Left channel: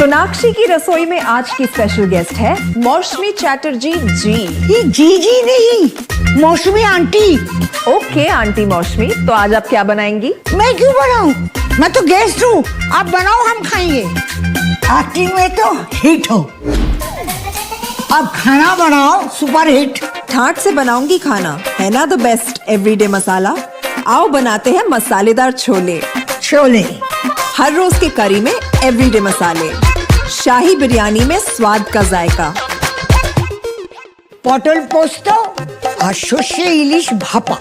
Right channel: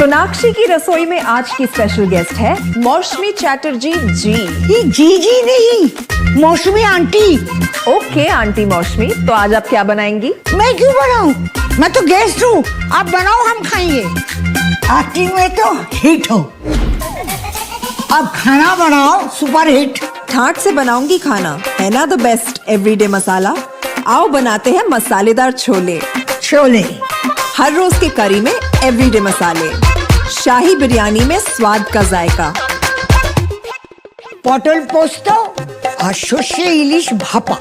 सोनाक्षी की रसोई में आज की स्पेशल गेस्ट है मौसमी चैटर्जी जी। ये जी नहीं, मौसमी आंटी। ओके आंटी मौसमी, तो आज आप क्या बनाएंगी? मैं क्यों बनाऊं? मैं तो गेस्ट हूँ, आप बनाओ हम खाएंगे। एक्टिंग में तो हिट हो, अब खाना बनाओ सुपर हिट। ठाट से बनाऊंगी खाना, है ना द बेस्ट एवरीडे मसाला। आओ बनाते हैं मसालेदार छोले। छोले हर रोज के करी में एवरीडे मसाले, शाही बिरयानी में स्वाद का जायका। পটল পোস্ত আর সর্ষে ইলিশ ভাপা।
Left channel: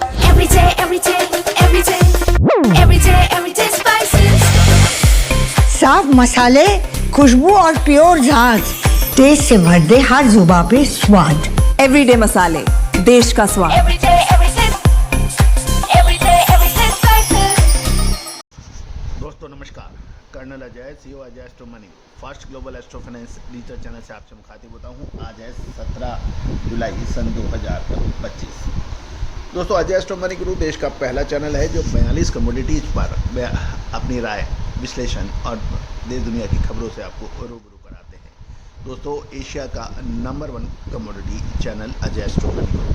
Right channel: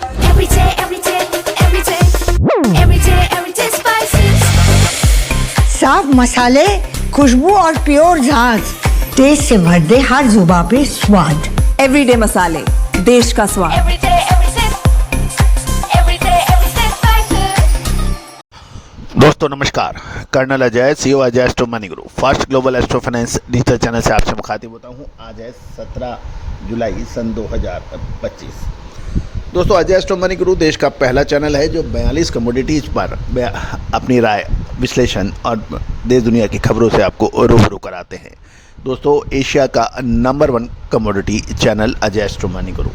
साफ मसाले, खुशबू और प्योर झांझ, टेस्ट से भर दे हर जुबान पे स्वाद। एवरीडे मसाले, देश का स्वाद। दोस्तों नमस्कार, colonel Ajay, CEO Ajay astro money group, fast global astro finance digital channel से आपसे मुखातिब होता हूँ। आज है 17 जुलाई सन 2025। दोस्तों अजय एस्ट्रो मनी ग्रुप देश का पहला चैनल है जो 42 कमोडिटीज़ पर अपनी राय, विश्लेषण और देश दुनिया की खबरों से आपको रूबरू कराते हैं। दोस्तों एशिया का number 1 commodity channel Ajay astro money group.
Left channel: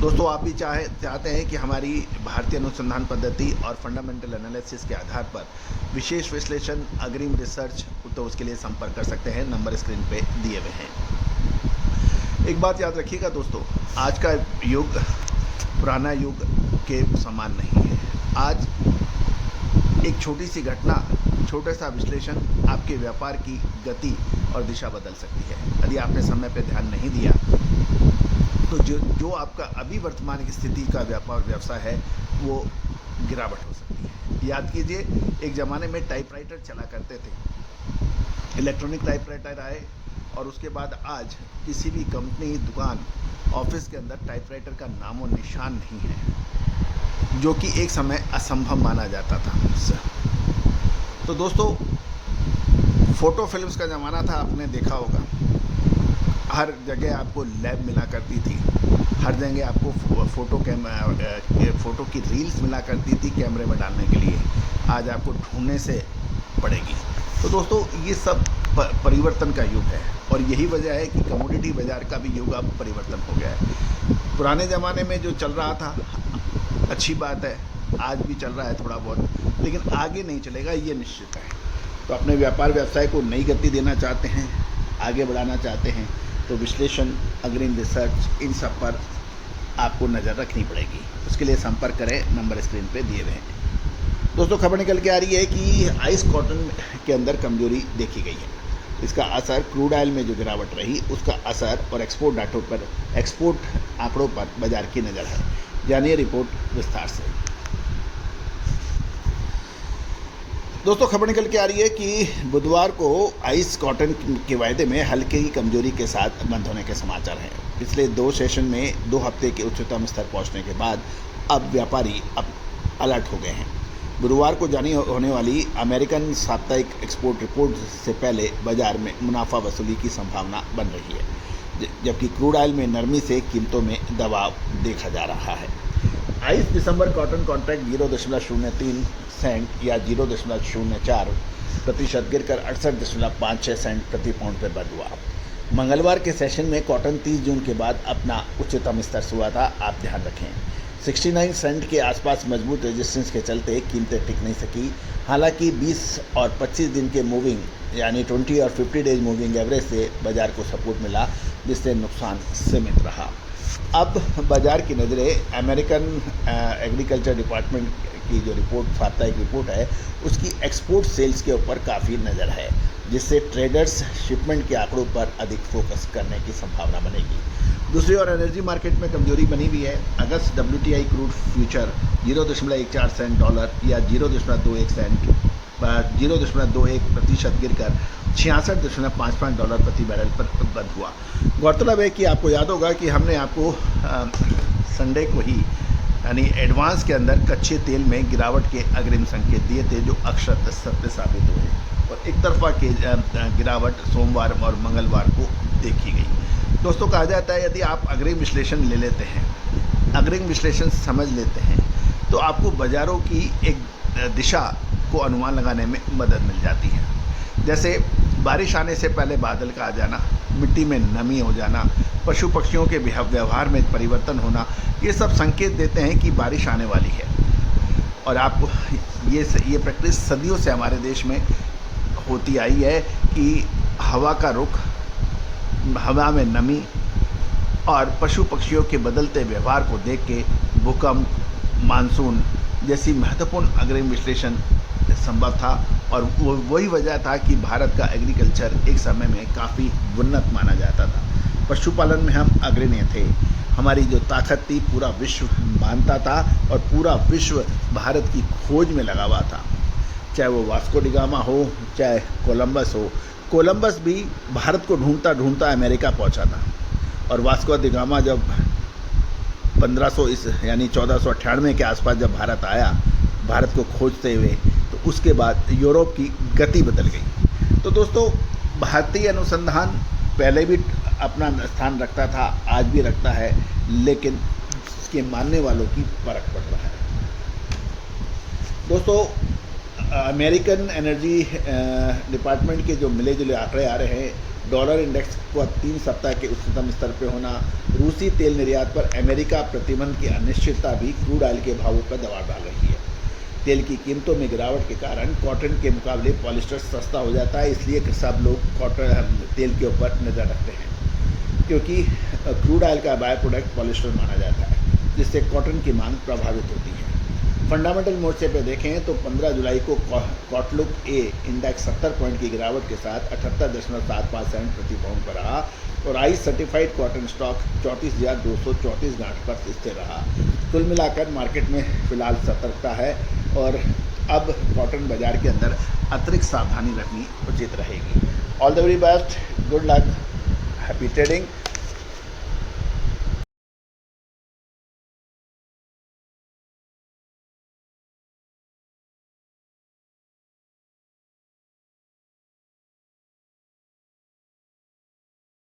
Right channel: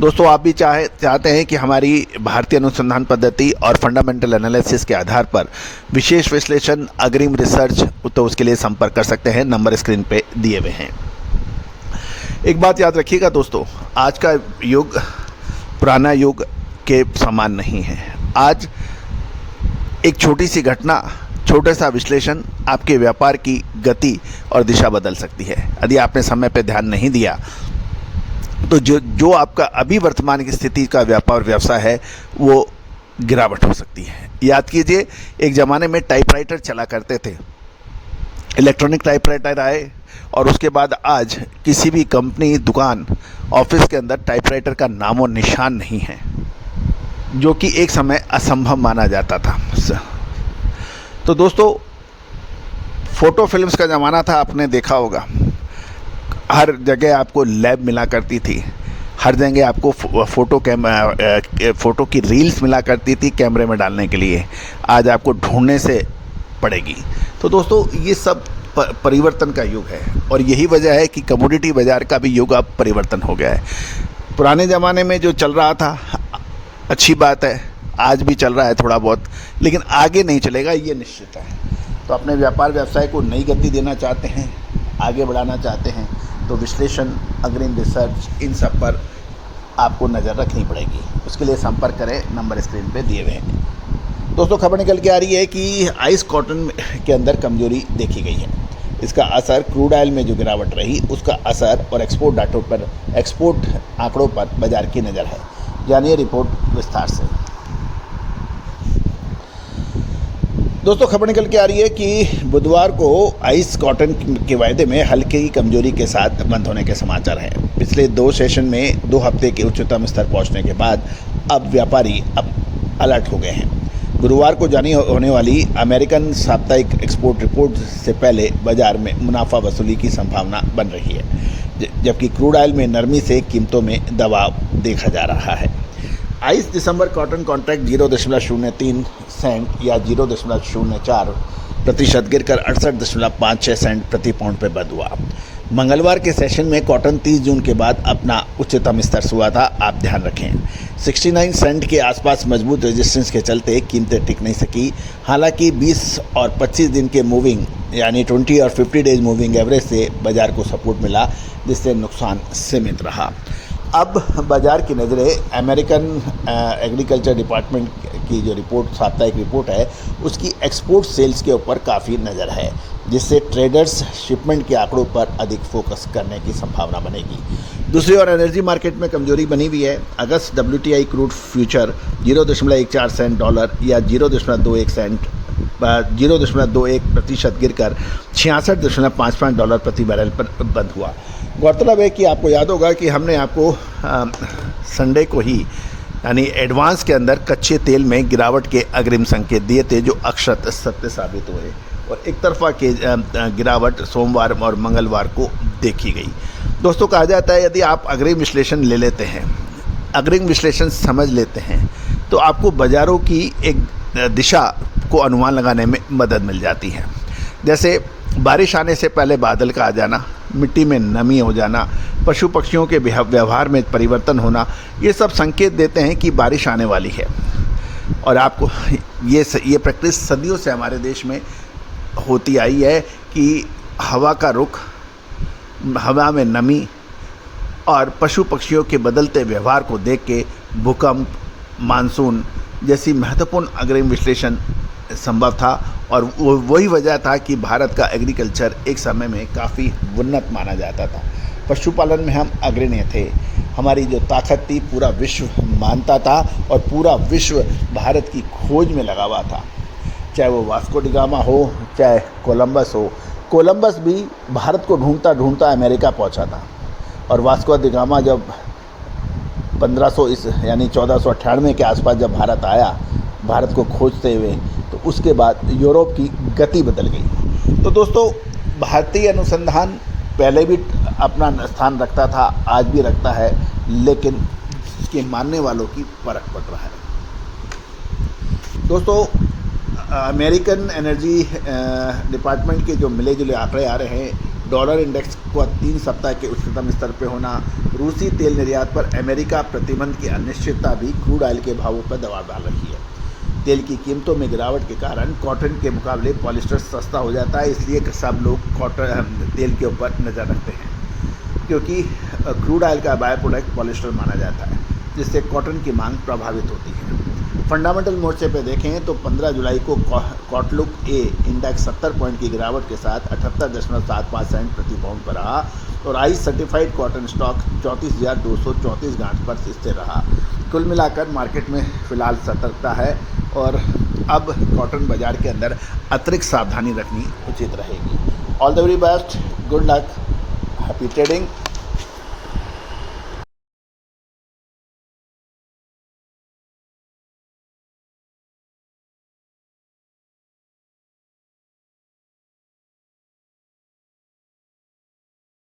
दोस्तों आप भी चाहते हैं कि हमारी भारतीय अनुसंधान पद्धति और फंडामेंटल एनालिसिस के आधार पर विशेष विश्लेषण, अग्रिम रिसर्च, तो उसके लिए संपर्क कर सकते हैं, नंबर स्क्रीन पे दिए हुए हैं। एक बात याद रखिएगा दोस्तों, आज का युग पुराना युग के समान नहीं है। आज एक छोटी सी घटना, छोटा सा विश्लेषण आपके व्यापार की गति और दिशा बदल सकती है। यदि आपने समय पर ध्यान नहीं दिया तो जो आपका अभी वर्तमान की स्थिति का व्यापार व्यवसाय है वो गिरावट हो सकती है। याद कीजिए, एक ज़माने में टाइपराइटर चला करते थे, इलेक्ट्रॉनिक टाइपराइटर आए और उसके बाद आज किसी भी कंपनी, दुकान, ऑफिस के अंदर टाइपराइटर का नाम और निशान नहीं है, जो कि एक समय असंभव माना जाता था। तो दोस्तों फ़ोटो फिल्म्स का ज़माना था, आपने देखा होगा। हर जगह आपको लैब मिला करती थी, हर जगह आपको फ़ोटो की रील्स मिला करती थी कैमरे में डालने के लिए। आज आपको ढूंढने से पड़ेगी। तो दोस्तों ये सब परिवर्तन का युग है और यही वजह है कि कमोडिटी बाज़ार का भी युग अब परिवर्तन हो गया है। पुराने ज़माने में जो चल रहा था अच्छी बात है, आज भी चल रहा है थोड़ा बहुत, लेकिन आगे नहीं चलेगा, ये निश्चित है। तो अपने व्यापार व्यवसाय को नई गति देना चाहते हैं, आगे बढ़ाना चाहते हैं, तो विश्लेषण, अग्रिम रिसर्च, इन सब पर आपको नज़र रखनी पड़ेगी। उसके लिए संपर्क करें, नंबर स्क्रीन पे दिए हुए हैं। दोस्तों खबर निकल के आ रही है कि आइस कॉटन के अंदर कमजोरी देखी गई है। इसका असर क्रूड ऑयल में जो गिरावट रही उसका असर और एक्सपोर्ट आंकड़ों पर बाजार की नज़र है। जानिए रिपोर्ट विस्तार से। दोस्तों खबर निकल के आ रही है कि बुधवार को आइस कॉटन के वायदे में हल्की कमजोरी के साथ बंद होने के समाचार हैं। पिछले 2 सेशन में 2 हफ्ते के उच्चतम स्तर पहुंचने के बाद अब व्यापारी अलर्ट हो गए हैं। गुरुवार को जारी होने वाली अमेरिकन साप्ताहिक एक्सपोर्ट रिपोर्ट से पहले बाजार में मुनाफा वसूली की संभावना बन रही है, जबकि क्रूड ऑयल में नरमी से कीमतों में दबाव देखा जा रहा है। आइस दिसंबर कॉटन कॉन्ट्रैक्ट 0.03 सेंट या 0.04% गिरकर 68.56 सेंट प्रति पाउंड पर बंद हुआ। मंगलवार के सेशन में कॉटन 30 जून के बाद अपना उच्चतम स्तर हुआ था, आप ध्यान रखें। 69 सेंट के आसपास मजबूत रेजिस्टेंस के चलते कीमतें टिक नहीं सकी। हालांकि 20 और 25 दिन के मूविंग यानी 20 और 50 डेज मूविंग एवरेज से बाजार को सपोर्ट मिला, जिससे नुकसान सीमित रहा। अब बाजार की नज़रें अमेरिकन एग्रीकल्चर डिपार्टमेंट की जो रिपोर्ट, साप्ताहिक रिपोर्ट है, उसकी एक्सपोर्ट सेल्स के ऊपर काफ़ी नज़र है, जिससे ट्रेडर्स शिपमेंट के आंकड़ों पर अधिक फोकस करने की संभावना बनेगी। दूसरी ओर एनर्जी मार्केट में कमजोरी बनी हुई है। अगस्त WTI crude future 0.14 cent dollar या 0.21% गिरकर 66.55 डॉलर प्रति बैरल पर बंद हुआ। गौरतलब है कि आपको याद होगा कि हमने आपको संडे को ही यानी एडवांस के अंदर कच्चे तेल में गिरावट के अग्रिम संकेत दिए थे, जो अक्षत सत्य साबित हुए और एक तरफा के गिरावट सोमवार और मंगलवार को देखी गई। दोस्तों कहा जाता है यदि आप अग्रिम विश्लेषण ले लेते हैं, अग्रिम विश्लेषण समझ लेते हैं, तो आपको बाज़ारों की एक दिशा को अनुमान लगाने में मदद मिल जाती है। जैसे बारिश आने से पहले बादल का आ जाना, मिट्टी में नमी हो जाना, पशु पक्षियों के व्यवहार में परिवर्तन होना, ये सब संकेत देते हैं कि बारिश आने वाली है। और आपको ये प्रैक्टिस सदियों से हमारे देश में होती आई है कि हवा का रुख, हवा में नमी और पशु पक्षियों के बदलते व्यवहार को देख के भूकंप, मानसून जैसी महत्वपूर्ण अग्रिम विश्लेषण संभव था। और वही वजह था कि भारत का एग्रीकल्चर एक समय में काफ़ी उन्नत माना जाता था। पशुपालन में हम अग्रणी थे। हमारी जो ताकत थी पूरा विश्व मानता था और पूरा विश्व भारत की खोज में लगा हुआ था। चाहे वो वास्को डी गामा हो, चाहे कोलंबस हो। कोलंबस भी भारत को ढूंढता ढूंढता अमेरिका पहुंचा था। और वास्को डी गामा जब 1498 के आसपास जब भारत आया, भारत को खोजते हुए, तो उसके बाद यूरोप की गति बदल गई। तो दोस्तों, भारतीय अनुसंधान पहले भी अपना स्थान रखता था, आज भी रखता है, लेकिन इसके मानने वालों की फर्क पड़ रहा है। दोस्तों, अमेरिकन एनर्जी डिपार्टमेंट के जो मिले जुले आंकड़े आ रहे हैं, डॉलर इंडेक्स को 3 सप्ताह के उच्चतम स्तर पर होना, रूसी तेल निर्यात पर अमेरिका प्रतिबंध की अनिश्चितता भी क्रूड ऑयल के भावों पर दबाव डाल रही है। तेल की कीमतों में गिरावट के कारण कॉटन के मुकाबले पॉलिस्टर सस्ता हो जाता है, इसलिए सब लोग कॉटन तेल के ऊपर नज़र रखते हैं, क्योंकि क्रूड ऑयल का बाय प्रोडक्ट पॉलिस्टर माना जाता है, जिससे कॉटन की मांग प्रभावित होती है। फंडामेंटल मोर्चे पे देखें तो 15 जुलाई को कॉटलुक ए इंडेक्स 70 पॉइंट की गिरावट के साथ 78.75 सेंट प्रति पाउंड पर रहा और आई सर्टिफाइड कॉटन स्टॉक 34,234 गांठ पर स्थिर रहा। कुल मिलाकर मार्केट में फ़िलहाल सतर्कता है और अब कॉटन बाज़ार के अंदर अतिरिक्त सावधानी रखनी उचित रहेगी। All the very best, good luck, happy trading.